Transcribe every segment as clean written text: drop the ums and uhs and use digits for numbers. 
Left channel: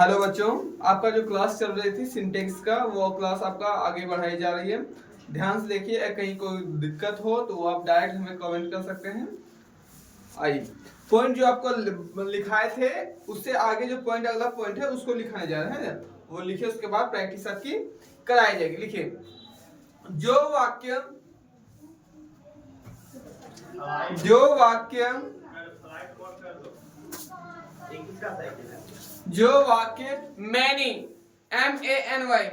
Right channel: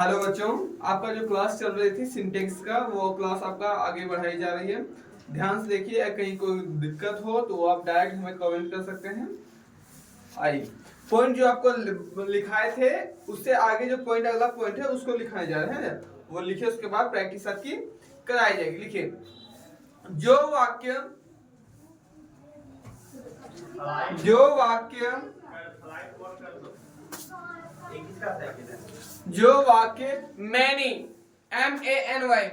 Hello बच्चों, आपका जो क्लास चल रही थी सिंटेक्स का वो क्लास आपका आगे बढ़ाई जा रही है। ध्यान से देखिए, कहीं कोई दिक्कत हो तो आप डायरेक्ट हमें कमेंट कर सकते हैं। आइए, पॉइंट जो आपको लिखाए थे उससे आगे जो पॉइंट अगला पॉइंट है उसको लिखाया जा रहा है, वो लिखिए। उसके बाद प्रैक्टिस आपकी कराई जाएगी। लिखिए, जो वाक्य मैनी MANY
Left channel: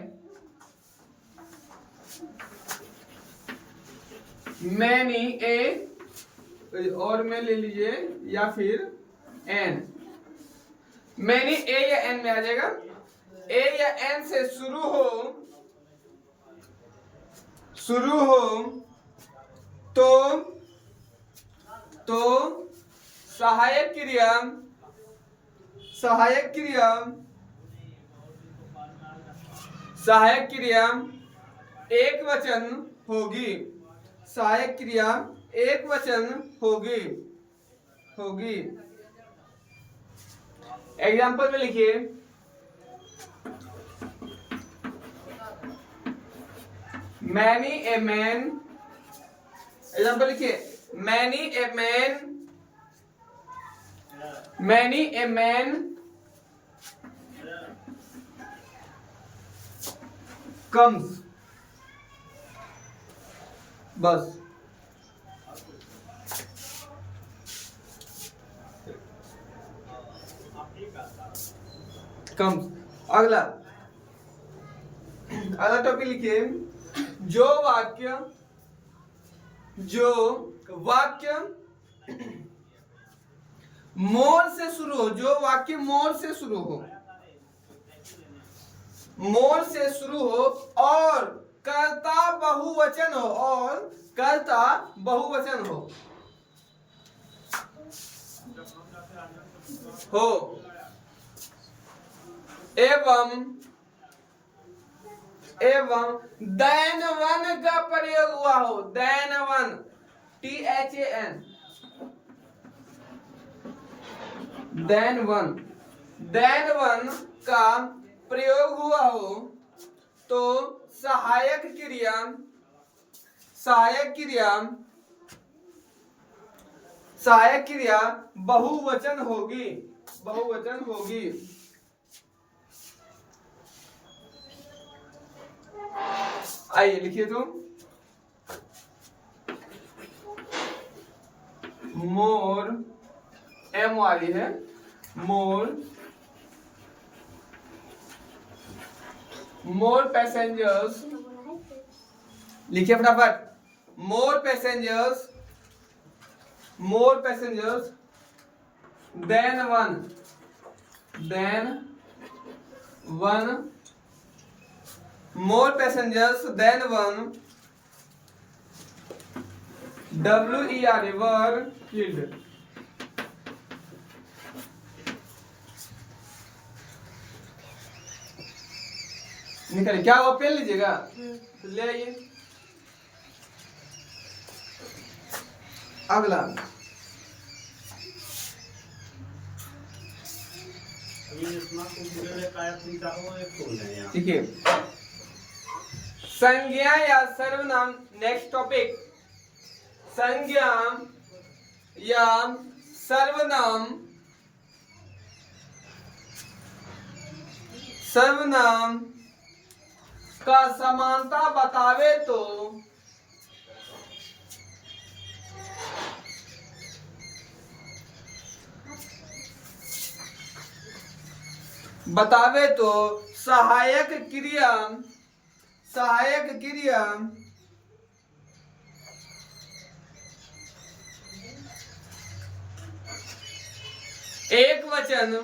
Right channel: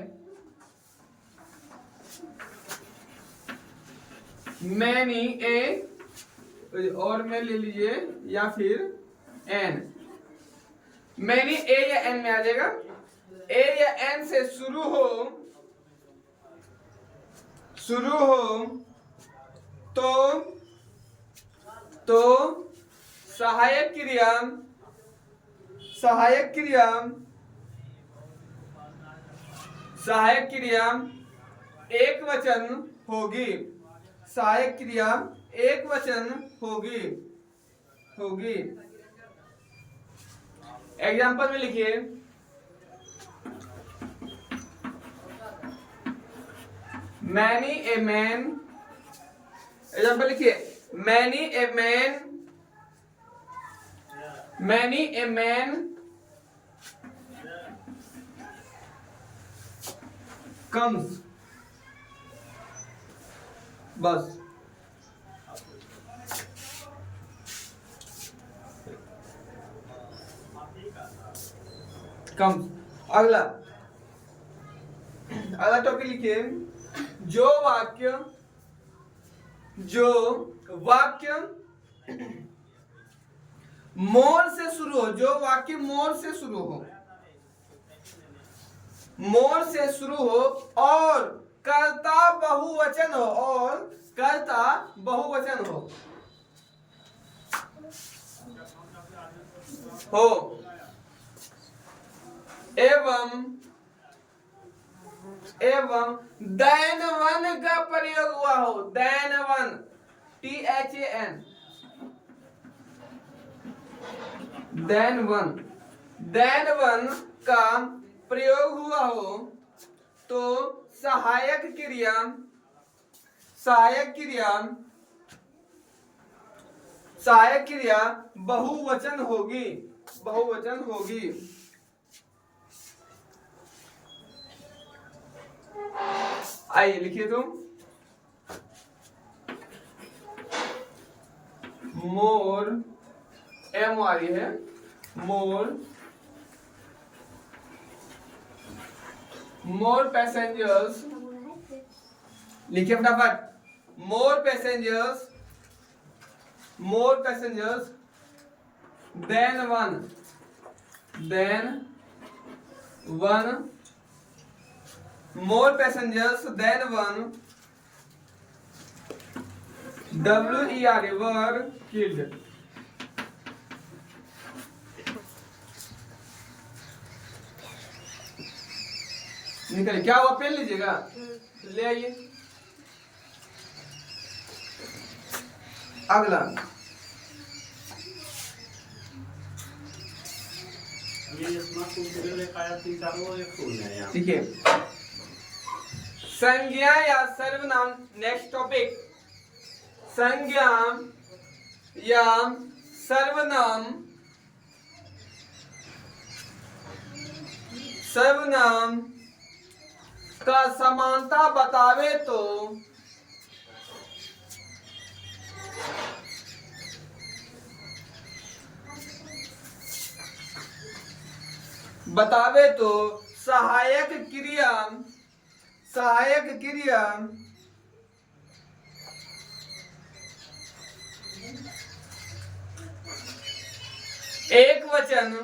मैनी और में ले लीजिए या फिर एन। मैनी ए या एन में आ जाएगा। ए या एन से शुरू हो तो सहायक क्रिया एक वचन होगी। सहायक क्रिया एक वचन होगी। एग्जाम्पल में लिखिए, मैनी ए मैन। एग्जाम्पल लिखिए, मैनी ए मैन कम्स। बस। कम्स। अगला टॉपिक लिखिए, जो वाक्य मोर से शुरू हो। जो वाक्य मोर से शुरू हो और कर्ता बहुवचन हो एवं देन वन का प्रयोग हुआ हो। Then one THAN then one का प्रयोग हुआ हो तो सहायक क्रिया बहुवचन होगी। आइए लिखिए, तुम मोर M आ रही है। More passengers. लिखिए फटाफट, more passengers than one more passengers than one were killed। निकल क्या वो पेन लीजिएगा, ले आइए। अगला ठीक है, संज्ञा या सर्वनाम। नेक्स्ट टॉपिक, संज्ञा या सर्वनाम का समानता बतावे तो सहायक क्रिया एक वचन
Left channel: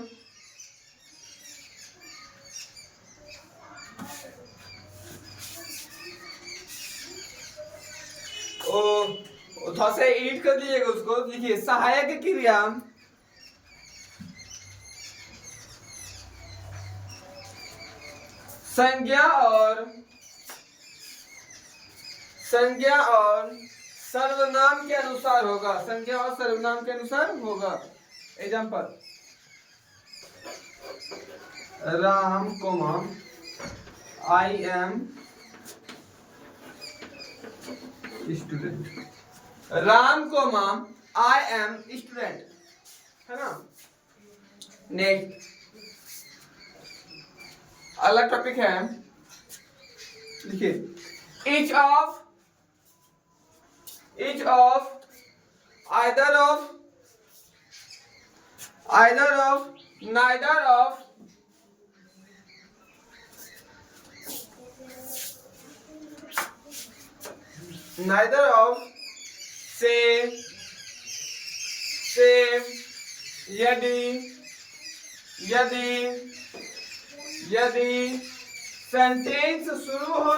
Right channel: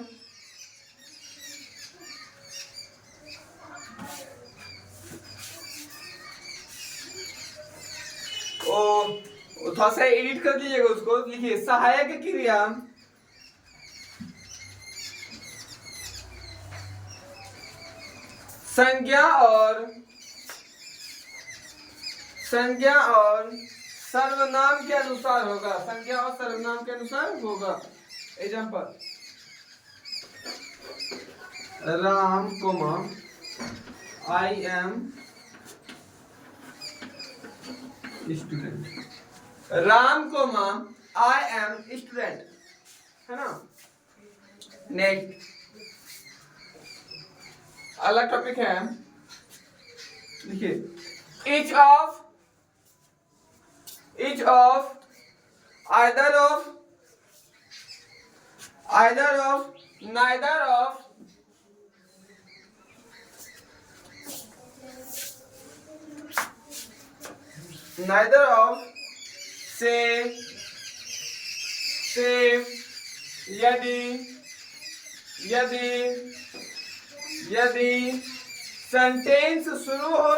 थोड़ा सा एडिट कर दीजिएगा उसको। लिखिए, सहायक क्रिया संज्ञा और सर्वनाम के अनुसार होगा। Example, Ram comma I am student. Ram comma I am student, है ना। नेक्स्ट अलग टॉपिक है, देखिए each of either of neither of say यदि सेंटेंस शुरू हो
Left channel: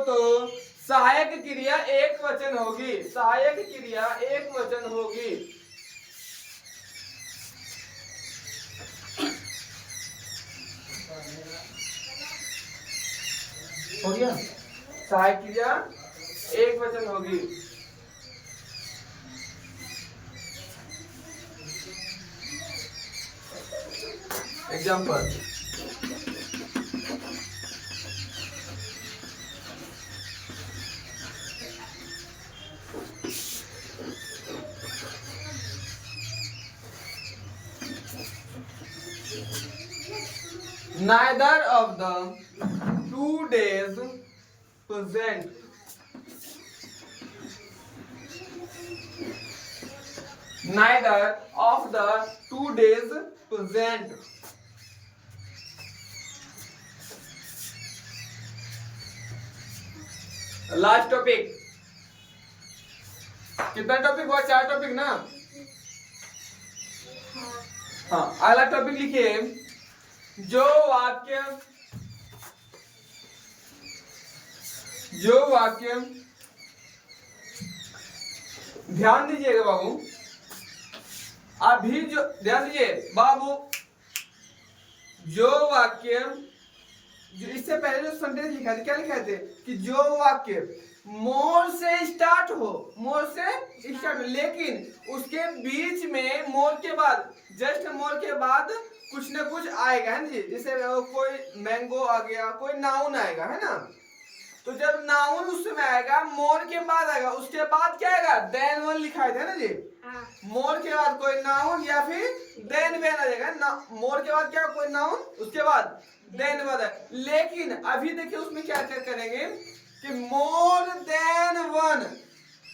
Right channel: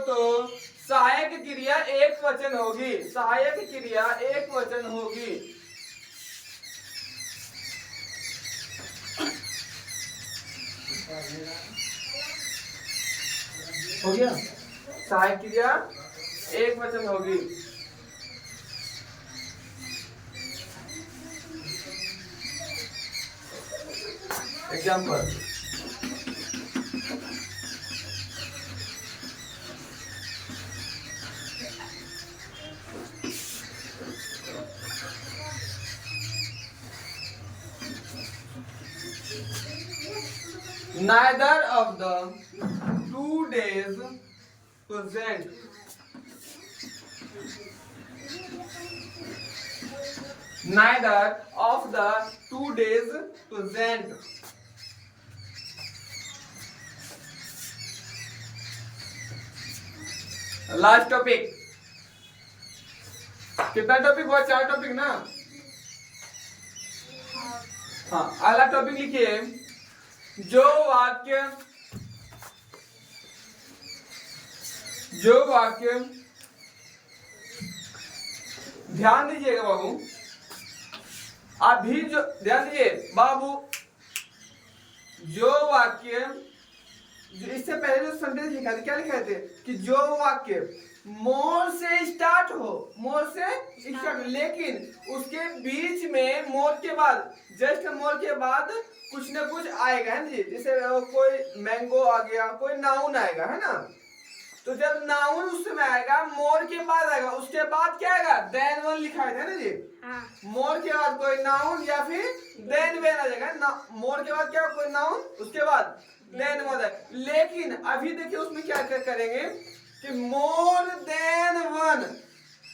तो सहायक क्रिया एक वचन होगी। हो गया, सहायक क्रिया एक वचन होगी। Example, neither of the 2 days present last topic, कितना टॉपिक हुआ? 4 टॉपिक ना। हाँ, अगला टॉपिक लिखिए, जो वाक्य ध्यान दीजिएगा बाबू, अभी जो ध्यान दीजिए बाबू, जो वाक्य जो इससे पहले जो सेंटेंस लिखा था, क्या लिखा थे कि जो वाक्य मोर से स्टार्ट हो, लेकिन उसके बीच में मोर के बाद, जस्ट मोर के बाद कुछ ना कुछ आएगा, है ना जी। जैसे कोई मैंगो आ गया, कोई नाउन आएगा, है ना। तो जब नाउन उस समय आएगा, मोर के बाद आएगा, उसके बाद क्या आएगा? देन वन लिखा है ना जी। मोर के बाद कोई नाउन या फिर देन वन आ जाएगा। मोर के बाद क्या, कोई नाउन, उसके बाद देन वन है। लेकिन अभी देखिए उसमें क्या करेंगे कि मोर देन वन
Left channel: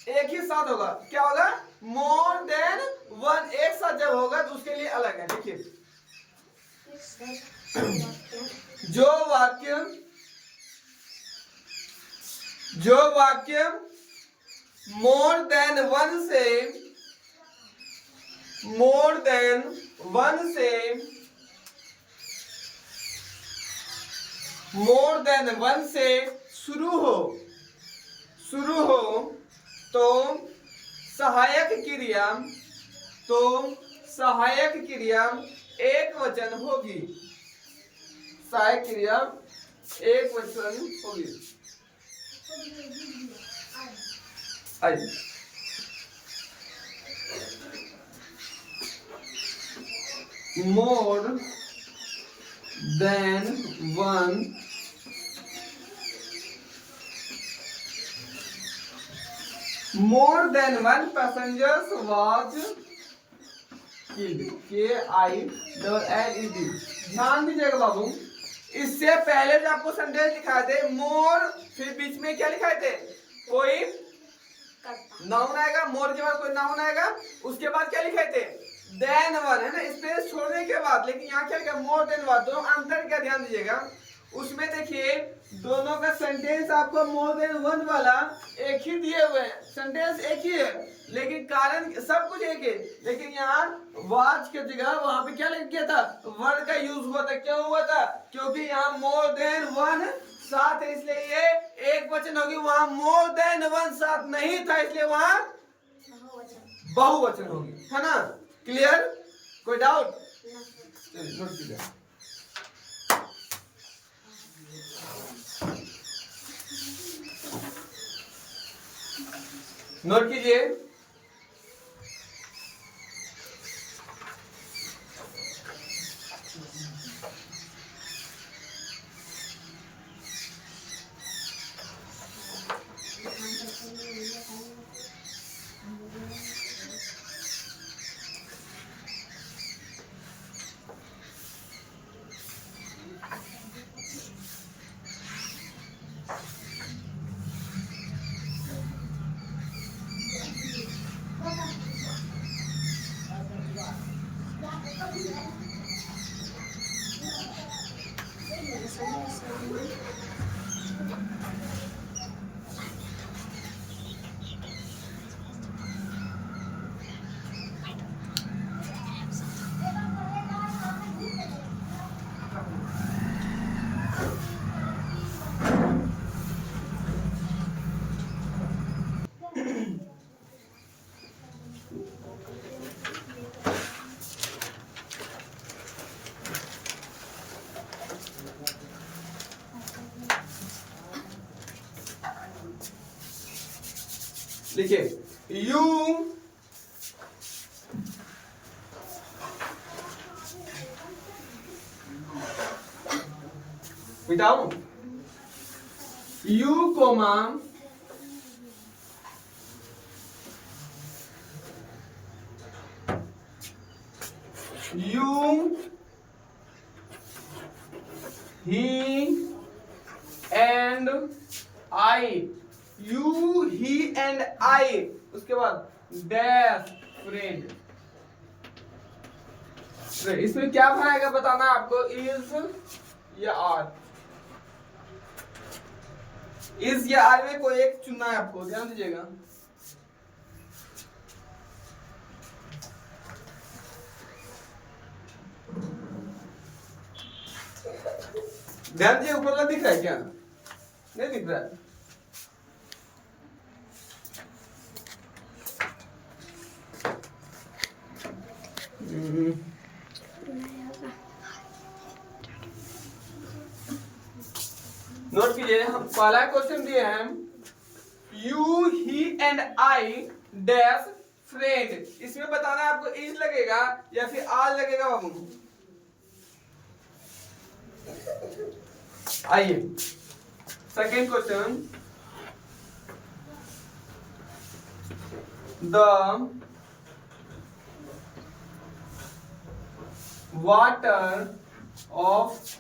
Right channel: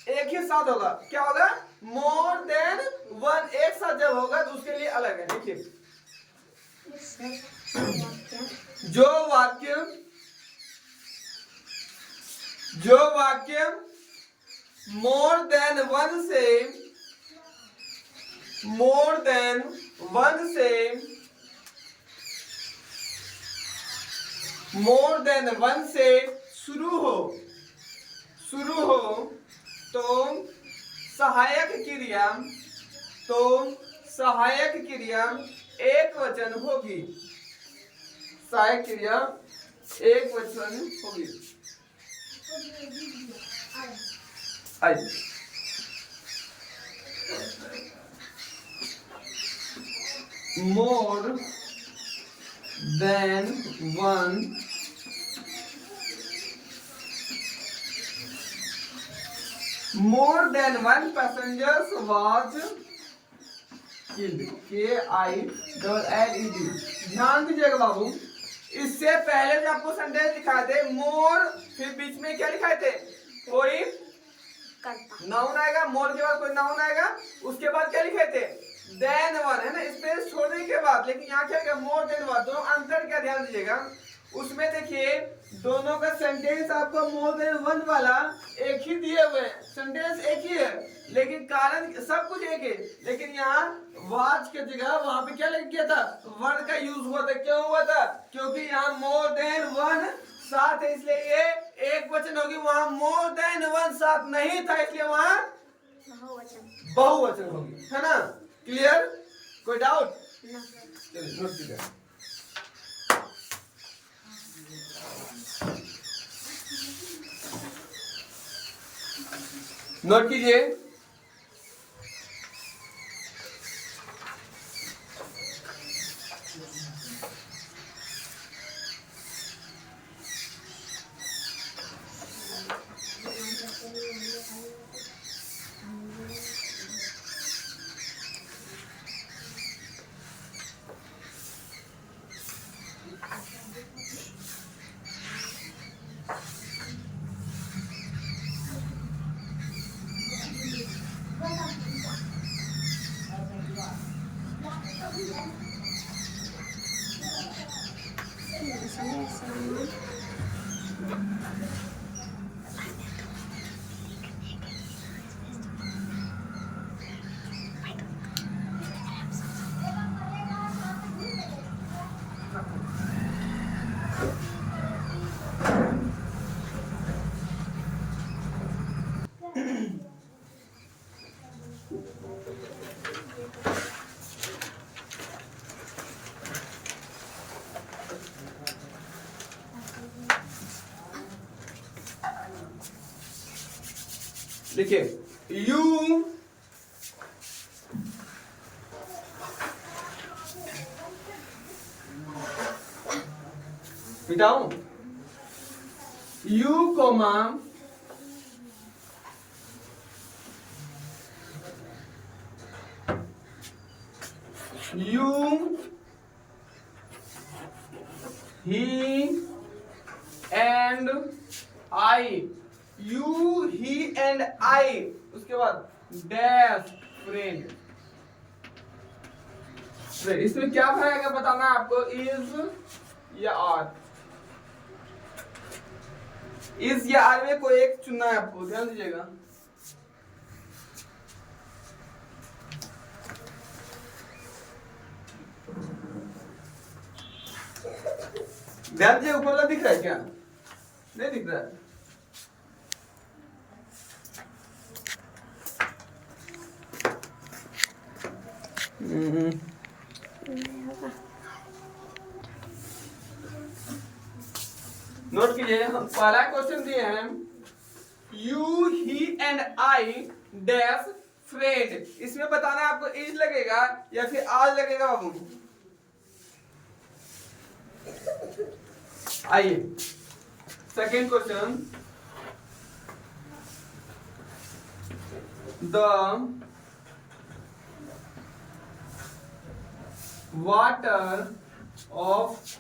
एक ही साथ होगा। क्या होगा? मोर देन वन एक साथ जब होगा तो उसके लिए अलग है। देखिए, जो वाक्य मोर देन वन से शुरू हो तो सहायक क्रिया एक वचन होगी। More than one passengers was killed, KILLED। ध्यान दीजिएगा बाबू, इससे पहले जो आपको सेंटेंस लिखाए थे मोर, फिर बीच में क्या लिखाए थे? कोई नाउन आएगा, मोर के बाद कोई नाउन आएगा, उसके बाद क्या लिखे थे? देन वन, है ना, स्पेस छोड़ने के बाद। लेकिन यहाँ क्या लिखा? More than one. दोनों अंतर क्या, ध्यान दीजिएगा। उसमें देखिए दोनों का सेंटेंस आपको मोर देन वन वाला एक ही दिए हुए हैं, सेंटेंस एक ही है, लेकिन कारण सब कुछ एक है। लेकिन यहाँ वाज के जगह वहां पे क्या लिख दिया था? वर्ड का यूज हुआ था। क्यों हुआ था? क्योंकि यहाँ मोर देन वन साथ है, इसलिए ये एक वचन होगी। वहां मोर देन वन साथ नहीं था, इसलिए वहां बहुवचन होगी, है ना। क्लियर? कोई डाउट? चलिए नोट कीजिए। नोट कीजिए, लिखिए यू मिटाऊं, you comma you, he and I, you, he and I, उसके बाद डैश फ्रेंड। इसमें क्या बनाएगा बताना है आपको, इज या आर, इज या आर में कोई एक चुनना है आपको, ध्यान दीजिएगा। ध्यान दीजिए, ऊपर वाला दिख रहा है क्या, नहीं दिख रहा है? नोट कीजिए, हम पहला क्वेश्चन दिए हैं you, he and I dash friend, इसमें बताना है आपको इज लगेगा या फिर आर लगेगा बाबू। आइए second question, the water of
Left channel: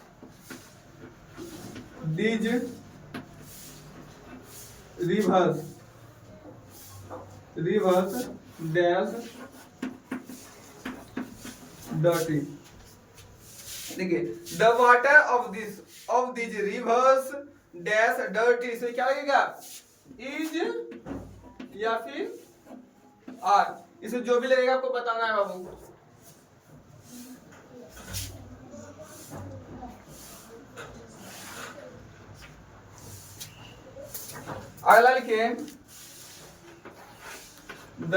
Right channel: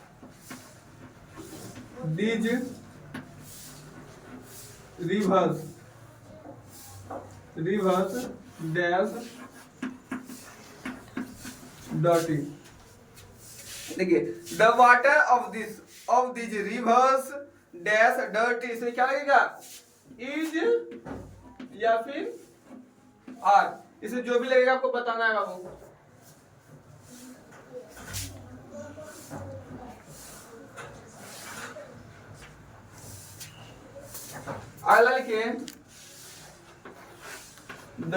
these rivers dash dirty। देखिए the water of these rivers dash dirty, इसमें क्या लगेगा, इज या फिर आर, इसे जो भी लगेगा आपको बताना है बाबू। अगला लिखिए the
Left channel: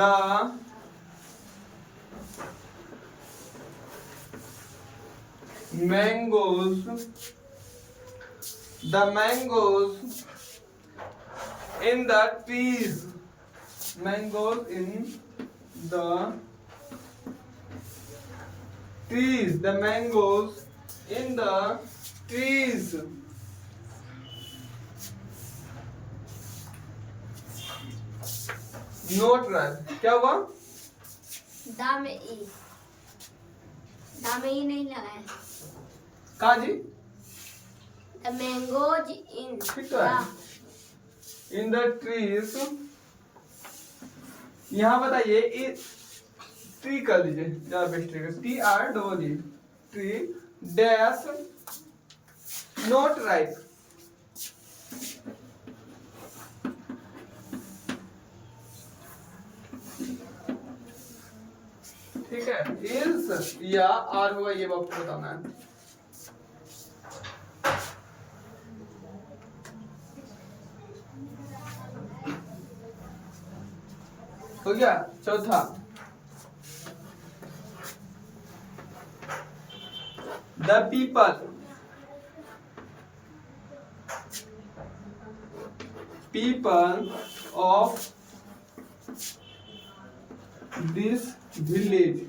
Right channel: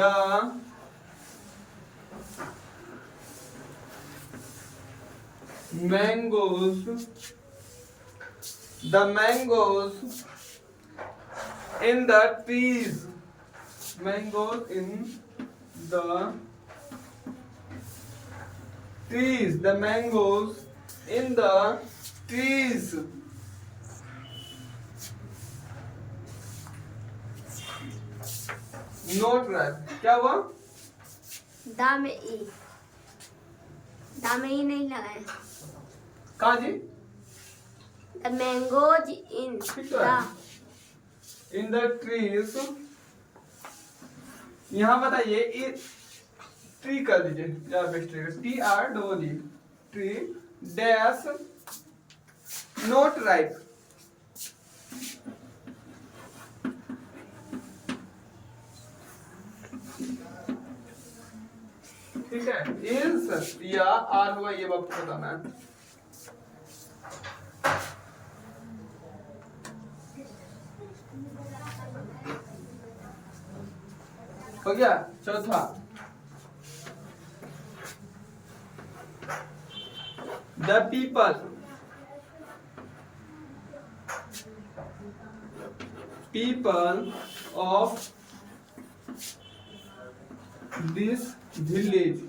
mangoes in the trees, mangoes in the trees, the mangoes in the trees. Note right, क्या हुआ, दा में ई नहीं लगा है, कहा जी, the mangoes in in the trees. यहाँ बताइए ट्री कर दीजिए, ज्यादा बेस्ट रहेगा, T R double E, tree dash, note right. ठीक है, इज या आर हुआ, ये आपको बताना है। हो गया चौथा, the people of this village,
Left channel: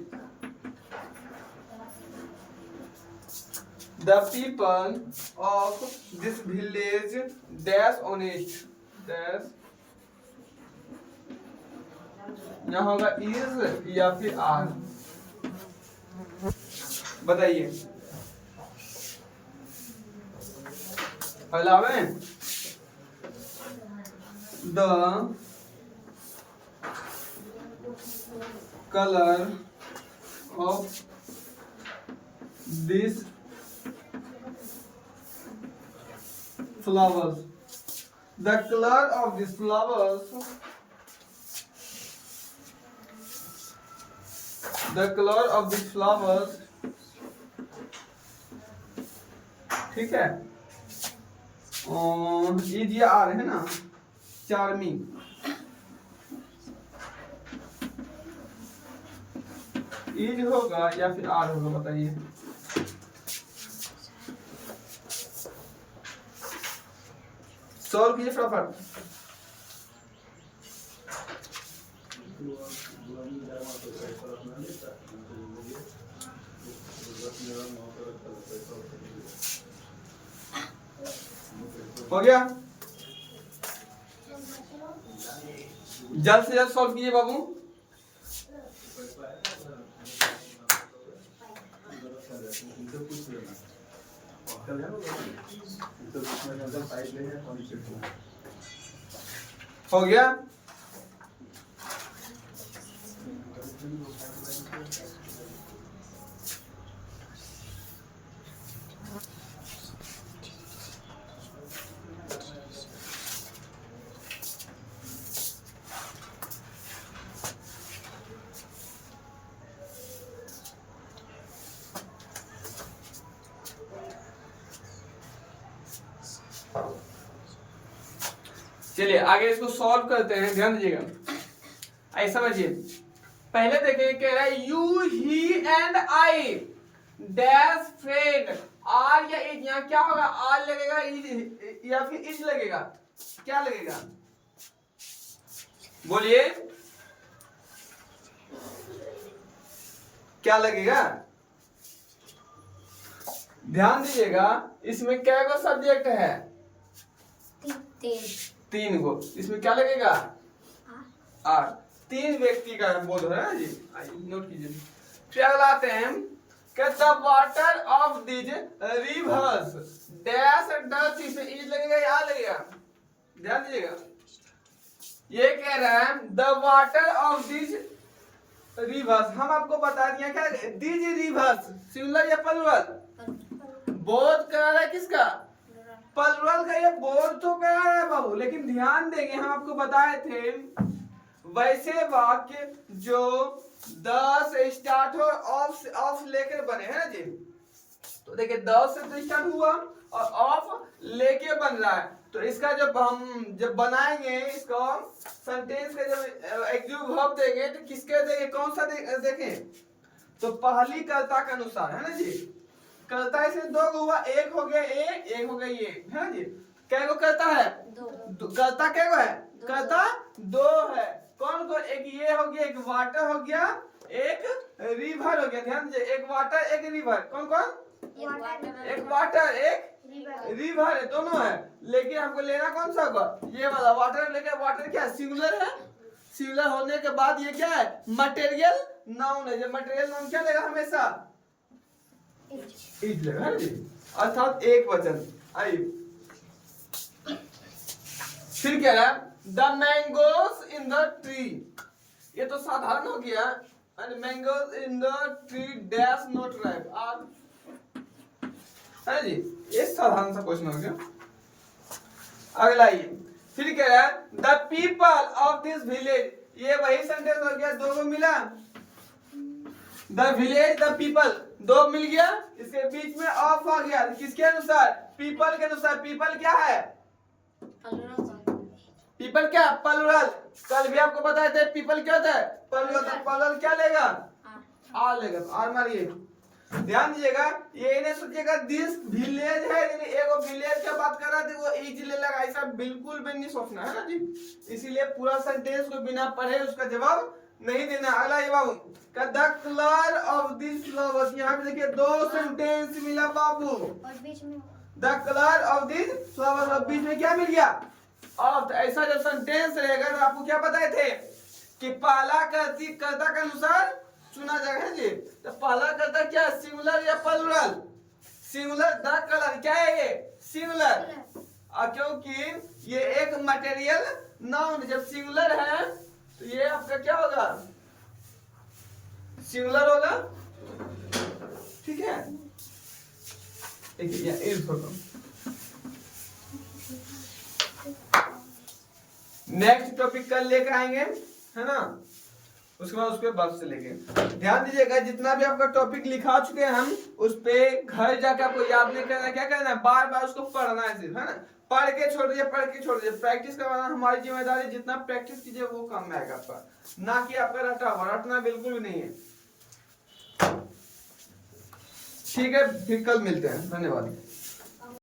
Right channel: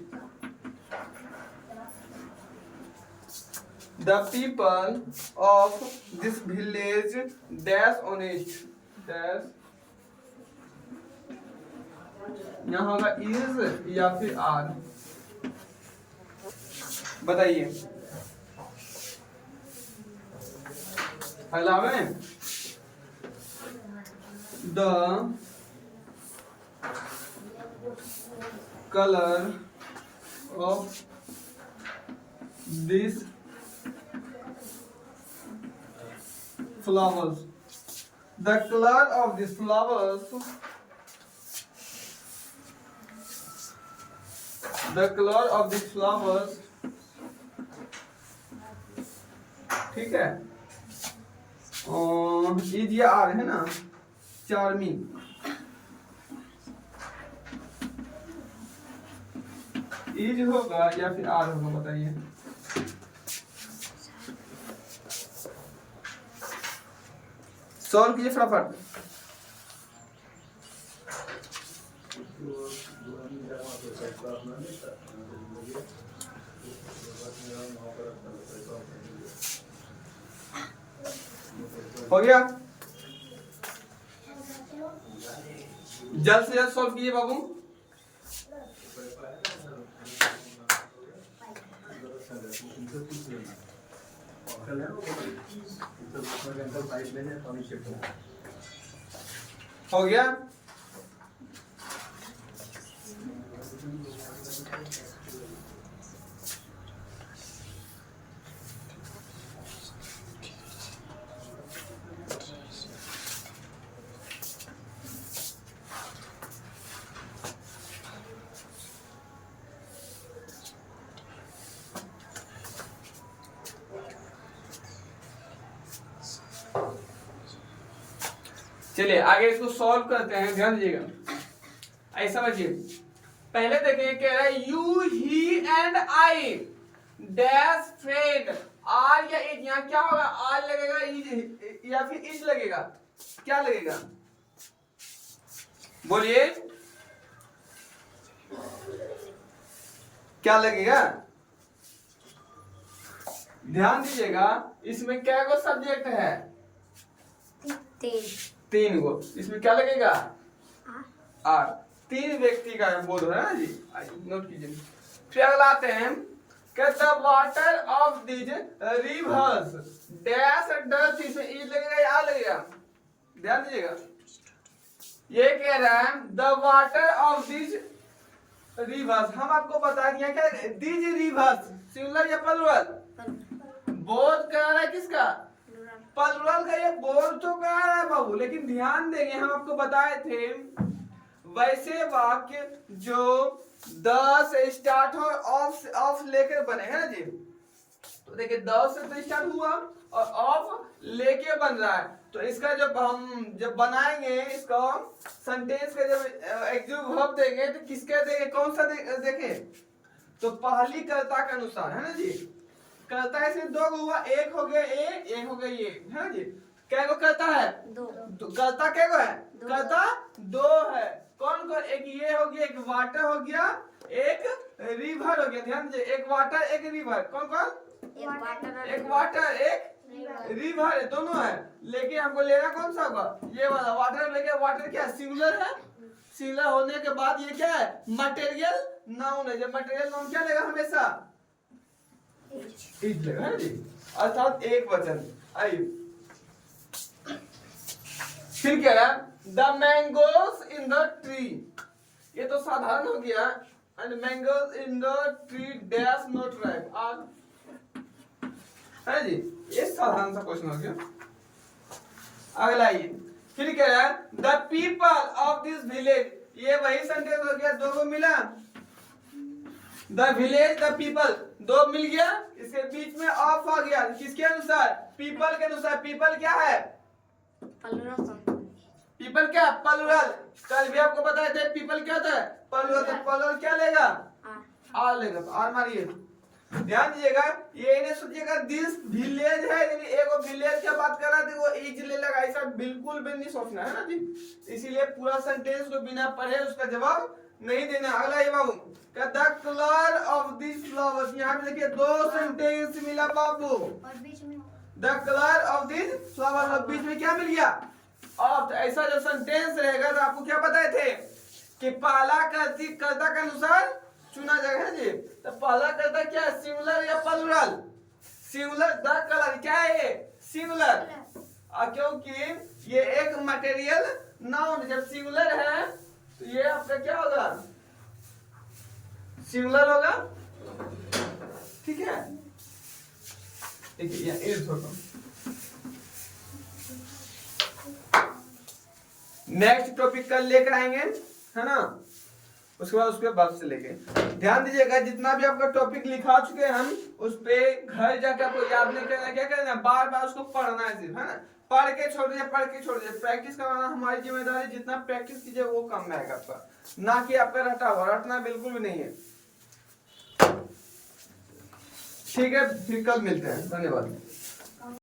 the people of this village dash honest, dash, यहाँ होगा is या फिर are, बताइए। पहला है the color of these flowers, the color of these flowers, the color of these flowers, ठीक है, इज या आर है ना, चार्मिंग, इज होगा या फिर आर होगा, बताइए। सॉल्व कीजिए फटाफट, हो गया? जल्द से जल्द सॉल्व कीजिए बाबू। हो गया? चलिए आगे इसको सॉल्व करते हैं, ध्यान दीजिएगा। ऐसा समझिए, पहले देखिए कह रहा है you he and I dash friend. Are या इज, यहाँ क्या होगा? आर लगेगा इज या फिर इज लगेगा? क्या लगेगा? बोलिए क्या लगेगा? ध्यान दीजिएगा, इसमें क्या को सब्जेक्ट है? तीन को। इसमें क्या लगेगा? आर। तीन व्यक्ति का बोध है ना जी, नोट कीजिए। क्या लाते हैं? The water of this reverse dash dust, इसमें इज लगेगा या लगेगा? ध्यान दीजिएगा, ये कह रहा है the water of this reverse. हम आपको बता दिया क्या दिस रिवर्स सिंगुलर या प्लुरल? बोध करा रहा है किसका? प्लुरल का। ये बोध तो करा रहा है बाबू, लेकिन ध्यान देंगे हम आपको बताए थे वैसे वाक्य जो द से स्टार्ट हो ऑफ लेकर बने हैं ना जी। तो देखिए द से तो स्टार्ट हुआ और ऑफ लेके बन रहा है, तो इसका जब बनाएंगे इसको सेंटेंस का जब एग्जीक्यूटिव वर्ब देंगे तो किसके देंगे? कौन सा देखें? तो पहली कर्ता के अनुसार है ना जी। कर्ता इसमें दो को हुआ, एक हो गया ए, एक हो गया ये, है ना जी। क्या को कर्ता है? दो। कर्ता क्या को है? कर्ता दो है। कौन कौन? एक ये हो गया, एक वाटर हो गया, एक रिवर हो गया। ध्यान दीजिए, एक वाटर एक रिवर। कौन कौन? एक वाटर एक रिवर है, दोनों है। लेकिन हमको लेना कौन सा होगा? ये वाला वाटर। लेके वाटर क्या सिंगुलर है? सिंगुलर होने के बाद ये क्या है? मटेरियल नाउन है। जब मटेरियल नाउन क्या लेगा? हमेशा इज लेगा है जी, अर्थात एक वचन। आइए फिर क्या है? The mangoes in the tree. ये तो साधारण हो गया। And mangoes in the tree dash not ripe. है जी, ये साधारण सा क्वेश्चन हो गया। अगला ये फिर कह रहा है the people of this village. ये वही सेंटेंस हो गया, दो को मिला। द विलेज द पीपल, दो मिल गया, इसके बीच में ऑफ आ गया। किसके अनुसार? पीपल के अनुसार। पीपल क्या है? पीपल क्या? प्लुरल। कल भी आपको बताए थे पीपल क्या होता है? प्लुरल। तो प्लुरल क्या लेगा? आर लेगा। तो आर मारिए। ध्यान दीजिएगा, ये नहीं सोचिएगा दिस विलेज है, एगो विलेज की बात कर रहा था वो इज ले लगा, ऐसा बिल्कुल भी नहीं सोचना है ना जी। इसीलिए पूरा सेंटेंस को बिना पढ़े उसका जवाब नहीं देना। अगला ये बाबू का the colour of this flowers. यहाँ पे देखिए दो सेंटेंस मिला बाबू, और बीच में the colour of this flowers, और बीच में क्या मिल गया? ऑफ। ऐसा जब सेंटेंस रहेगा तो आपको क्या बताए थे कि पहला कर्ता के अनुसार चुना जाएगा जी। तो पहला कर्ता क्या? सिंगुलर या प्लुरल? सिंगुलर। द कलर क्या है? ये सिंगुलर। क्योंकि ये एक मटेरियल नाउन जब सिंगुलर है तो ये आपका क्या होगा? सिंगुलर होगा। ठीक है, देखिए नेक्स्ट टॉपिक कल लेकर आएंगे, है ना। उसके बाद उस पर वापस से लेंगे। ध्यान दीजिएगा, जितना भी आपका टॉपिक लिखा चुके हैं हम, उस पे घर जाकर आपको याद नहीं करना। क्या करना है? बार बार उसको पढ़ना है सिर्फ, है ना। पढ़ के छोड़ दीजिए, पढ़ के छोड़ दीजिए। प्रैक्टिस करवाना हमारी जिम्मेदारी। जितना प्रैक्टिस कीजिए वो काम में आएगा आपका, ना कि आपका रटा हुआ। रटना बिल्कुल भी नहीं है। ठीक है, फिर कल मिलते हैं। धन्यवाद।